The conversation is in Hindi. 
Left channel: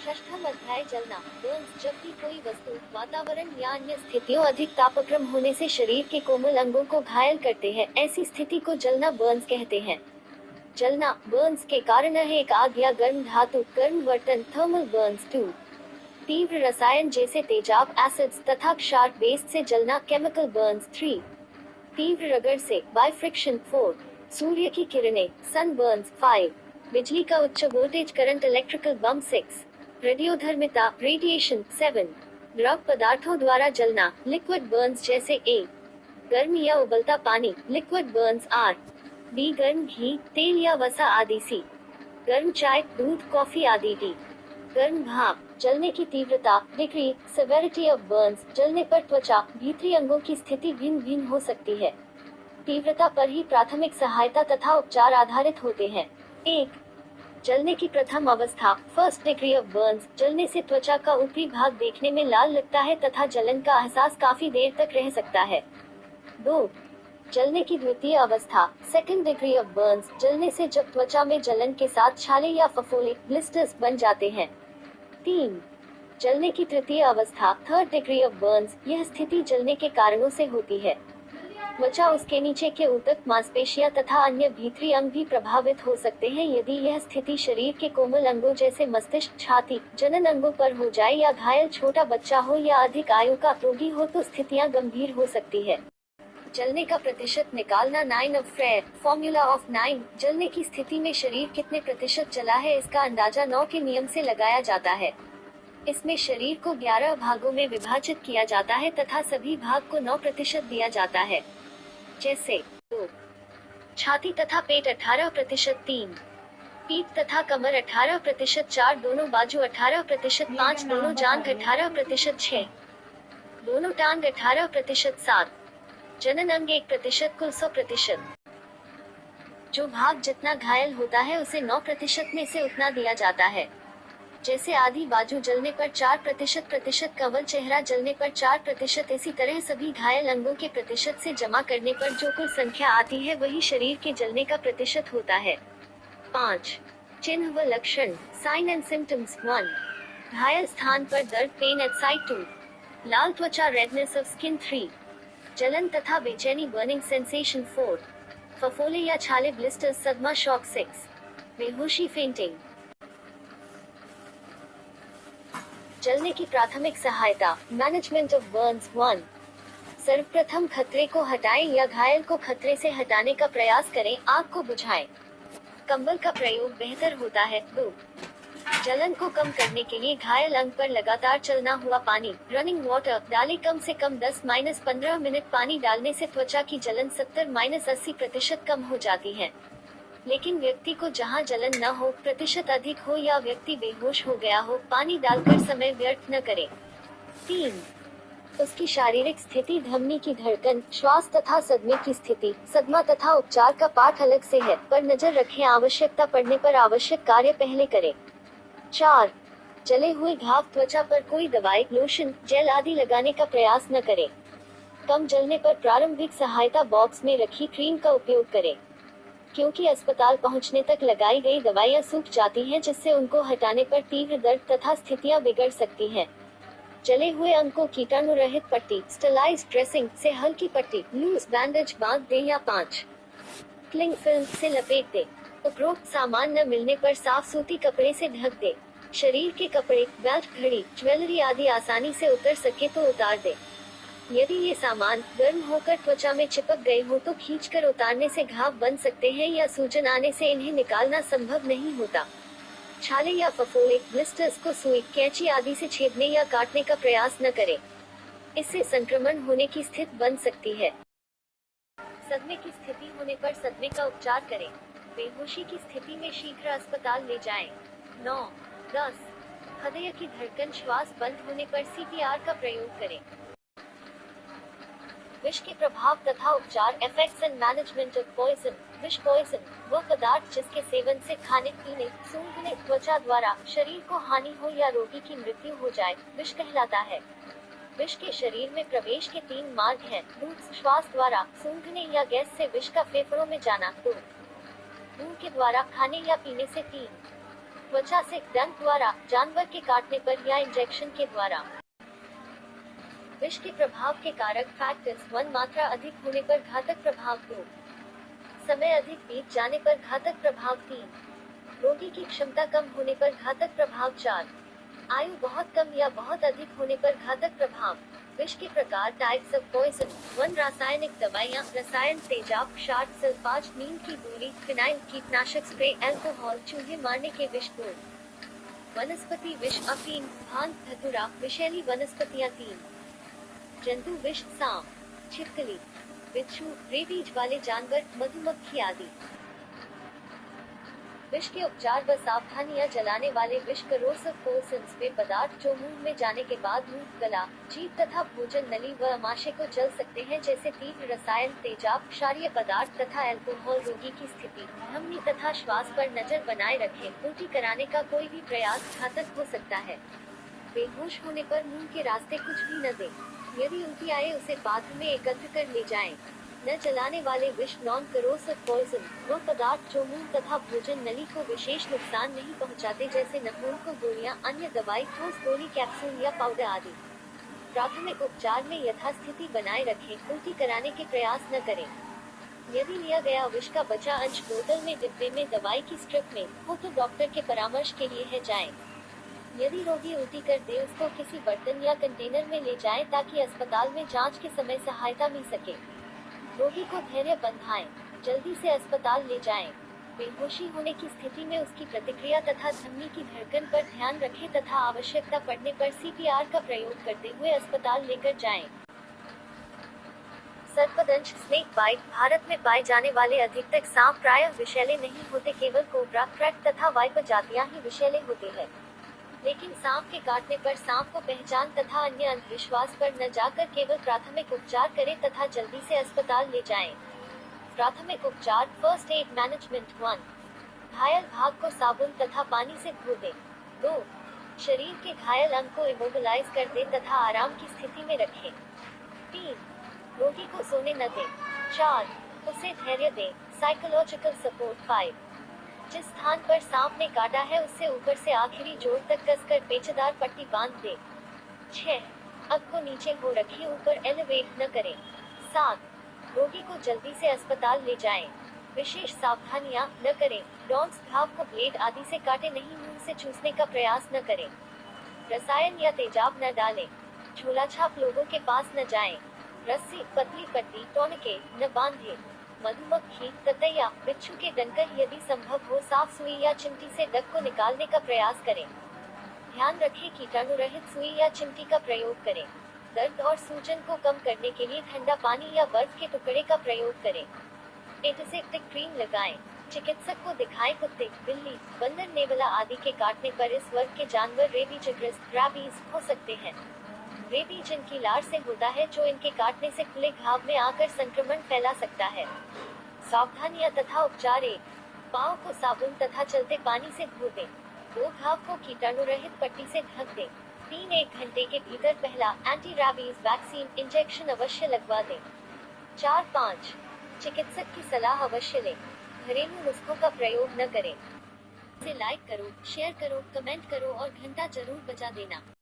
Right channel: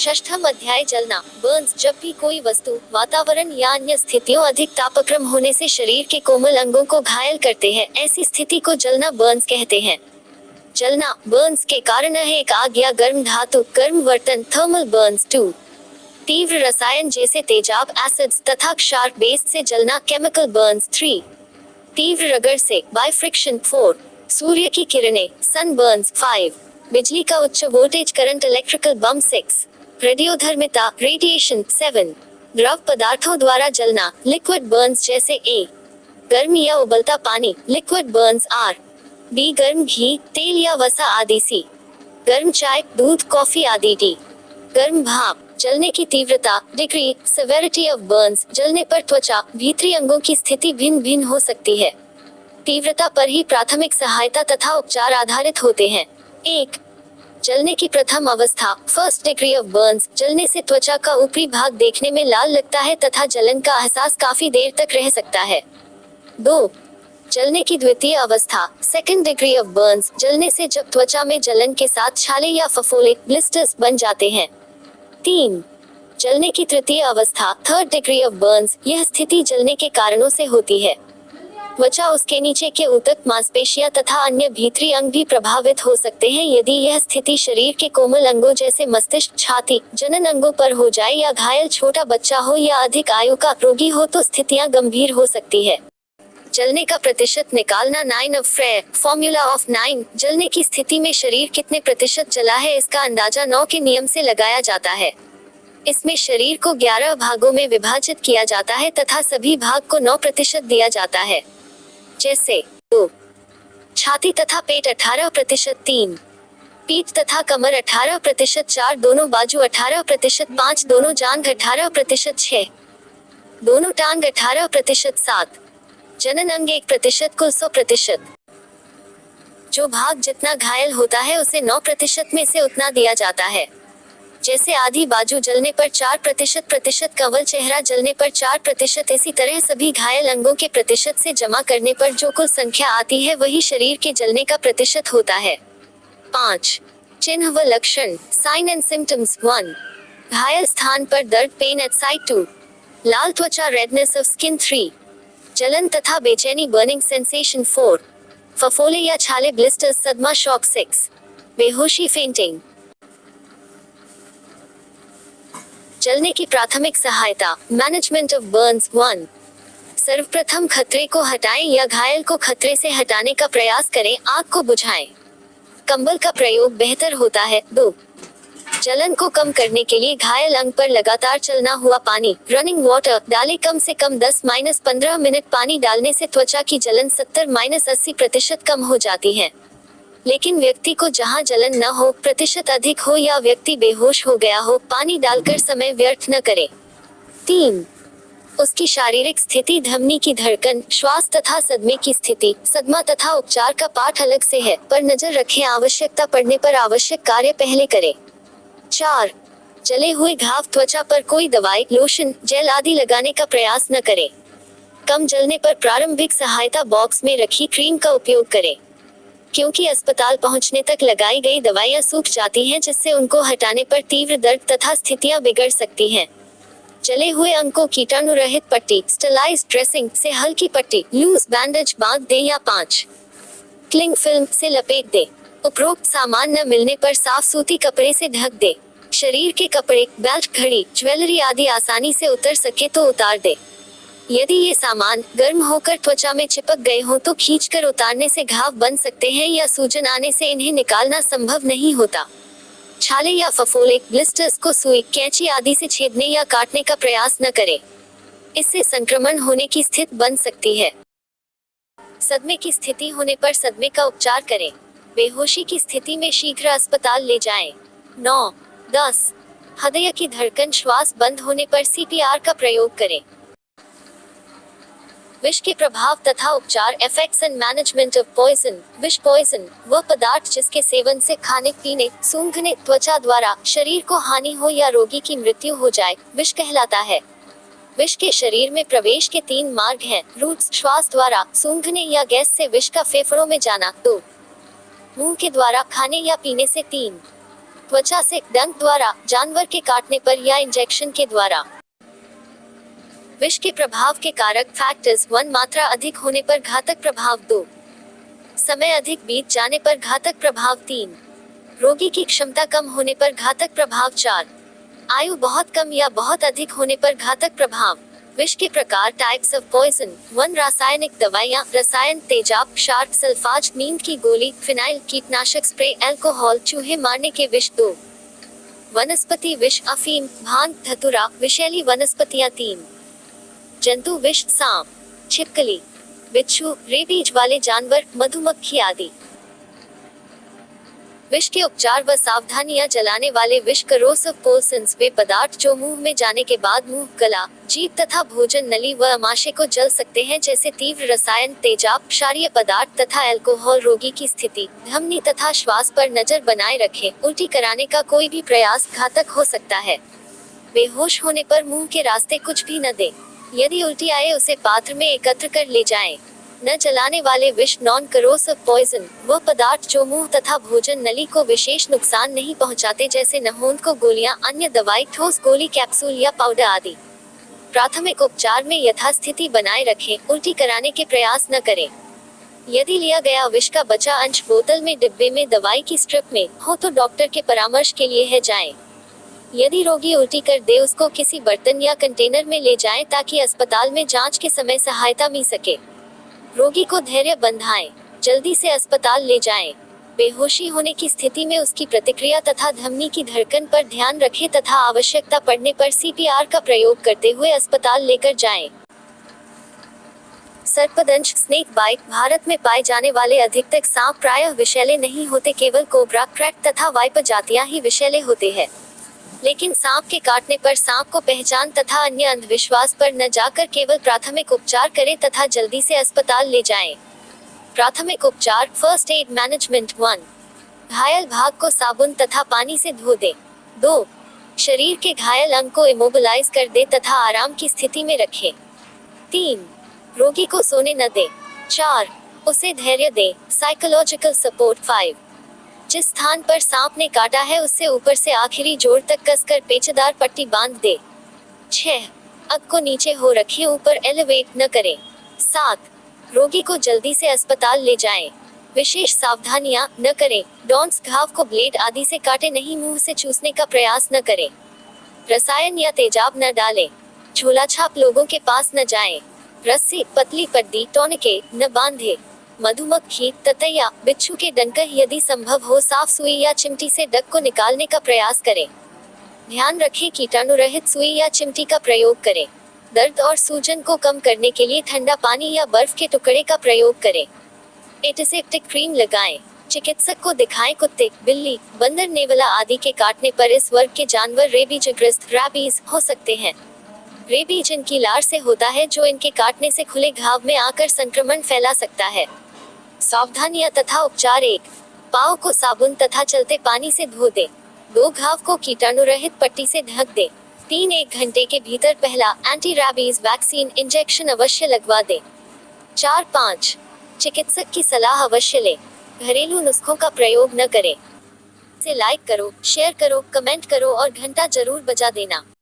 षष्ठम अध्याय जलना बर्न्स। जब भी कोई वस्तु, वातावरण या अन्य स्थितियों अधिक तापक्रम होने से शरीर के कोमल अंगों को घायल करते हैं, ऐसी स्थिति को जलना बर्न्स कहते हैं। जलना बर्न्स के कारण है एक आग या गर्म धातु, गर्म बर्तन, थर्मल बर्न्स 2। तीव्र रसायन जैसे तेजाब, एसिड्स तथा क्षार, बेस से जलना, केमिकल बर्न्स 3। तीव्र रगड़ से, बाय फ्रिक्शन 4। सूर्य की किरणें, सन बर्न्स 5। बिजली का उच्च वोल्टेज करंट, इलेक्ट्रिकल बम 6। रेडियोधर्मिता, रेडिएशन 7। द्रव पदार्थों द्वारा जलना, लिक्विड बर्न्स जैसे ए। गर्म या उबलता पानी, लिक्विड बर्न्स आर। बी गर्म घी, तेल या वसा आदि। सी गर्म चाय, दूध, कॉफी आदि। डी गर्म भाप। जलने की तीव्रता, डिग्री, सेवेरिटी ऑफ बर्न्स। जलने पर त्वचा, भीतरी अंगों की स्थिति भिन्न भिन्न हो सकती है। तीव्रता पर ही प्राथमिक सहायता तथा उपचार आधारित होते हैं। 1. जलने की प्रथम अवस्था, फर्स्ट डिग्री ऑफ बर्न्स। जलने से त्वचा का ऊपरी भाग देखने में लाल लगता है तथा जलन का एहसास काफी देर तक रह सकता है। 2. जलने की द्वितीय अवस्था, सेकंड डिग्री ऑफ बर्न्स। जलने से जब त्वचा में जलन के साथ छाले या फफोले, ब्लिस्टर्स बन जाते हैं। 3. जलने की तृतीय अवस्था, थर्ड डिग्री ऑफ बर्न्स। यह स्थिति जलने के कारणों से होती है। त्वचा, उसके नीचे के ऊतक, मांसपेशियां तथा अन्य भीतरी अंग भी प्रभावित हो सकते हैं। यदि यह स्थिति शरीर के कोमल अंगों जैसे मस्तिष्क, छाती, जनन अंगों पर हो जाए या घायल छोटा बच्चा हो या अधिक आयु का रोगी हो तो स्थितियां गंभीर हो सकती है। जलने का प्रतिशत निकालना, 9 ऑफ फ्रेयर, फॉर्मूला ऑफ 9। जलने की स्थिति में शरीर कितने प्रतिशत जला है, इसका अंदाजा 9 के नियम से लगाया जाता है। इसमें शरीर को 11 भागों में विभाजित किया जाता है तथा सभी भाग को 9% दिया जाता है। जैसे 2. छाती तथा पेट 18%, 3. पीठ तथा कमर 18%, 4. दोनों बाजू 18%, 5. दोनों जांघ 18%, 6. दोनों टांग 18%, 7. जनन अंग 1%, कुल 100%। जो भाग जितना घायल होता है उसे 9% में से उतना दिया जाता है। जैसे आधी बाजू जलने पर 4%, कवल चेहरा जलने पर 4%। इसी तरह सभी घायल अंगों के प्रतिशत से जमा करने पर जो कुल संख्या आती है वही शरीर के जलने का प्रतिशत होता है। 5. चिन्ह व लक्षण, साइन एंड सिम्टम्स। 1. घायल स्थान पर दर्द, पेन एट साइट। 2. लाल त्वचा, रेडनेस ऑफ स्किन। 3. जलन तथा बेचैनी, बर्निंग सेंसेशन। 4. फफोले या छाले, ब्लिस्टर्स, सदमा, शॉक। 6. बेहोशी, फेंटिंग। जलने की प्राथमिक सहायता, मैनेजमेंट ऑफ बर्न्स। 1. सर्वप्रथम खतरे को हटाएं या घायल को खतरे से हटाने का प्रयास करें, आग को बुझाएं। कंबल का प्रयोग बेहतर होता है। 2. जलन को कम करने के लिए घायल अंग पर लगातार चलना हुआ पानी, रनिंग वाटर, डालें। कम से कम 10-15 मिनट पानी डालने से त्वचा की जलन 70-80% कम हो जाती है। लेकिन व्यक्ति को जहां जलन न हो, प्रतिशत अधिक हो या व्यक्ति बेहोश हो गया हो, पानी डालकर समय व्यर्थ न करें। 3. उसकी शारीरिक स्थिति, धमनी की धड़कन, श्वास तथा सदमे की स्थिति। सदमा तथा उपचार का पाठ अलग से है, पर नजर रखें, आवश्यकता पड़ने पर आवश्यक कार्य पहले करें। 4. जले हुए घाव, त्वचा पर कोई दवाई, लोशन, जेल आदि लगाने का प्रयास न करें। कम जलने पर प्रारंभिक सहायता बॉक्स में रखी क्रीम का उपयोग करें, क्योंकि अस्पताल पहुंचने तक लगाई गई दवाइयां सूख जाती हैं, जिससे उनको हटाने पर तीव्र दर्द तथा स्थितियां बिगड़ सकती हैं। जले हुए अंग को कीटाणु रहित पट्टी, स्टरलाइज्ड ड्रेसिंग से हल्की पट्टी, लूज बैंडेज बांध दे या 5. क्लिंग फिल्म से लपेट दे। उपरोक्त सामान न मिलने पर साफ सूती कपड़े से ढक दे। शरीर के कपड़े, बेल्ट, घड़ी, ज्वेलरी आदि आसानी से उतर सके तो उतार दे। यदि ये सामान गर्म होकर त्वचा में चिपक गए हों तो खींचकर उतारने से घाव बन सकते हैं या सूजन आने से इन्हें निकालना संभव नहीं होता। छाले या फफोले, ब्लिस्टर्स को सुई, कैंची आदि से छेदने या काटने का प्रयास न करें, इससे संक्रमण होने की स्थिति बन सकती है। सदमे की स्थिति होने पर सदमे का उपचार करें। बेहोशी की स्थिति में शीघ्र अस्पताल ले जाएं। 9. 10. हृदय की धड़कन, श्वास बंद होने पर CPR का प्रयोग करें। विष के प्रभाव तथा उपचार, effects and management of poison. विष पॉइजन वह पदार्थ जिसके सेवन से खाने पीने, सूंघने, त्वचा द्वारा शरीर को हानि हो या रोगी की मृत्यु हो जाए, विष कहलाता है। विष के शरीर में प्रवेश के 3 मार्ग हैं: रूट्स श्वास द्वारा, सूंघने या गैस से विष का फेफड़ों में जाना, 2 मुंह के द्वारा खाने या पीने से, 3 त्वचा से डंक द्वारा, जानवर के काटने पर या इंजेक्शन के द्वारा। विष के प्रभाव के कारक फैक्टर्स: 1 मात्रा अधिक होने पर घातक प्रभाव, 2 समय अधिक बीत जाने पर घातक प्रभाव, 3 रोगी की क्षमता कम होने पर घातक प्रभाव, 4 आयु बहुत कम या बहुत अधिक होने पर घातक प्रभाव। विष के प्रकार, टाइप्स ऑफ पॉइजन: 1 रासायनिक दवाइयाँ, रसायन, तेजाब, क्षार, सल्फाज, नींद की गोली, फिनाइल, कीटनाशक स्प्रे, अल्कोहल, चूहे मारने के विष, 2 वनस्पति विष, अफीम, भांग, धतूरा, विषैली वनस्पतियाँ, 3 जंतु विष, सांप, छिपकली, बिच्छू, रेबीज वाले जानवर, मधुमक्खी आदि। विष के उपचार व सावधानियां: जलाने वाले विष, करोसिव पोल्सन्स, वे पदार्थ जो मुंह में जाने के बाद मुंह, गला, जीभ तथा भोजन नली व आमाशय को जल सकते हैं, जैसे तीव्र रसायन, तेजाब, क्षारीय पदार्थ तथा अल्कोहल। रोगी की स्थिति, धमनी तथा श्वास पर नजर बनाए रखें। उल्टी कराने का कोई भी प्रयास घातक हो सकता है। बेहोश होने पर मुंह के रास्ते कुछ भी न दें। यदि उल्टी आए उसे पात्र में एकत्र कर ले जाएं। न जलाने वाले विष, नॉन करोसिव पॉइजन, वह पदार्थ जो मुंह तथा भोजन नली को विशेष नुकसान नहीं पहुंचाते, जैसे नहोंद को गोलियां, अन्य दवाई, ठोस गोली, कैप्सूल या पाउडर आदि। प्राथमिक उपचार में यथास्थिति बनाए रखें। उल्टी कराने के प्रयास न करें। यदि लिया गया विष का बचा अंश बोतल में, डिब्बे में, दवाई की स्ट्रिप में हो तो डॉक्टर के परामर्श के लिए है जाएं। यदि रोगी उल्टी कर दे उसको किसी बर्तन या कंटेनर में ले जाएं ताकि अस्पताल में जांच के समय सहायता मिल सके। रोगी को धैर्य बंधाएं, जल्दी से अस्पताल ले जाएं। बेहोशी होने की स्थिति में उसकी प्रतिक्रिया तथा धमनी की धड़कन पर ध्यान रखें तथा आवश्यकता पड़ने पर सीपीआर का प्रयोग करते हुए अस्पताल लेकर जाएं। सर्पदंश, स्नेक बाइट, भारत में पाए जाने वाले अधिकतर सांप प्रायः विषैले नहीं होते, केवल कोबरा, क्रैट तथा वाइपर जातियां ही विषैले होते हैं। लेकिन सांप के काटने पर सांप को पहचान तथा अन्य अंधविश्वास पर न जाकर केवल प्राथमिक उपचार करें तथा जल्दी से अस्पताल ले जाएं। प्राथमिक उपचार, फर्स्ट एड मैनेजमेंट: 1 घायल भाग को साबुन तथा पानी से धो दे। 2 शरीर के घायल अंग को इमोबिलाइज कर दे तथा आराम की स्थिति में रखें। 3 रोगी को सोने न दे। 4 उसे धैर्य दे, साइकोलॉजिकल सपोर्ट। 5 जिस स्थान पर सांप ने काटा है उससे ऊपर से आखिरी जोड़ तक कसकर पेचदार पट्टी बांध दे। 6 अग को नीचे हो रखें, ऊपर एलिवेट न करें। 7 रोगी को जल्दी से अस्पताल ले जाएं। विशेष सावधानियां न करें। डॉन्स, घाव को ब्लेड आदि से काटे नहीं, मुंह से चूसने का प्रयास न करें। रसायन या तेजाब न डालें। झोलाछाप लोगों के पास न जाएं। रस्सी, पतली पट्टी, टॉनिके न बांधे। मधुमक्खी, ततैया, बिच्छू के डंक यदि संभव हो साफ सुई या चिमटी से डंक को निकालने का प्रयास करें। ध्यान रखें कीटाणु रहित सुई या चिमटी का प्रयोग करें। दर्द और सूजन को कम करने के लिए ठंडा पानी या बर्फ के टुकड़े का प्रयोग करें। एंटीसेप्टिक क्रीम लगाएं। चिकित्सक को दिखाएं। कुत्ते, बिल्ली, बंदर, नेवला आदि के काटने पर इस वर्ग के जानवर रेबीजग्रस्त रैबीज हो सकते हैं। रेबीज इनकी लार से होता है जो इनके काटने से खुले घाव में आकर संक्रमण फैला सकता है। सावधानियां तथा उपचार: 1 पाँव को साबुन तथा चलते पानी से धो दे। 2 घाव को कीटाणु रहित पट्टी से ढक दे। 3 1 घंटे के भीतर पहला एंटी रैबीज वैक्सीन इंजेक्शन अवश्य लगवा दे। 4 5 चिकित्सक की सलाह अवश्य ले। घरेलू नुस्खों का प्रयोग न करें। इसे लाइक करो, शेयर करो, कमेंट करो और घंटा जरूर बजा देना।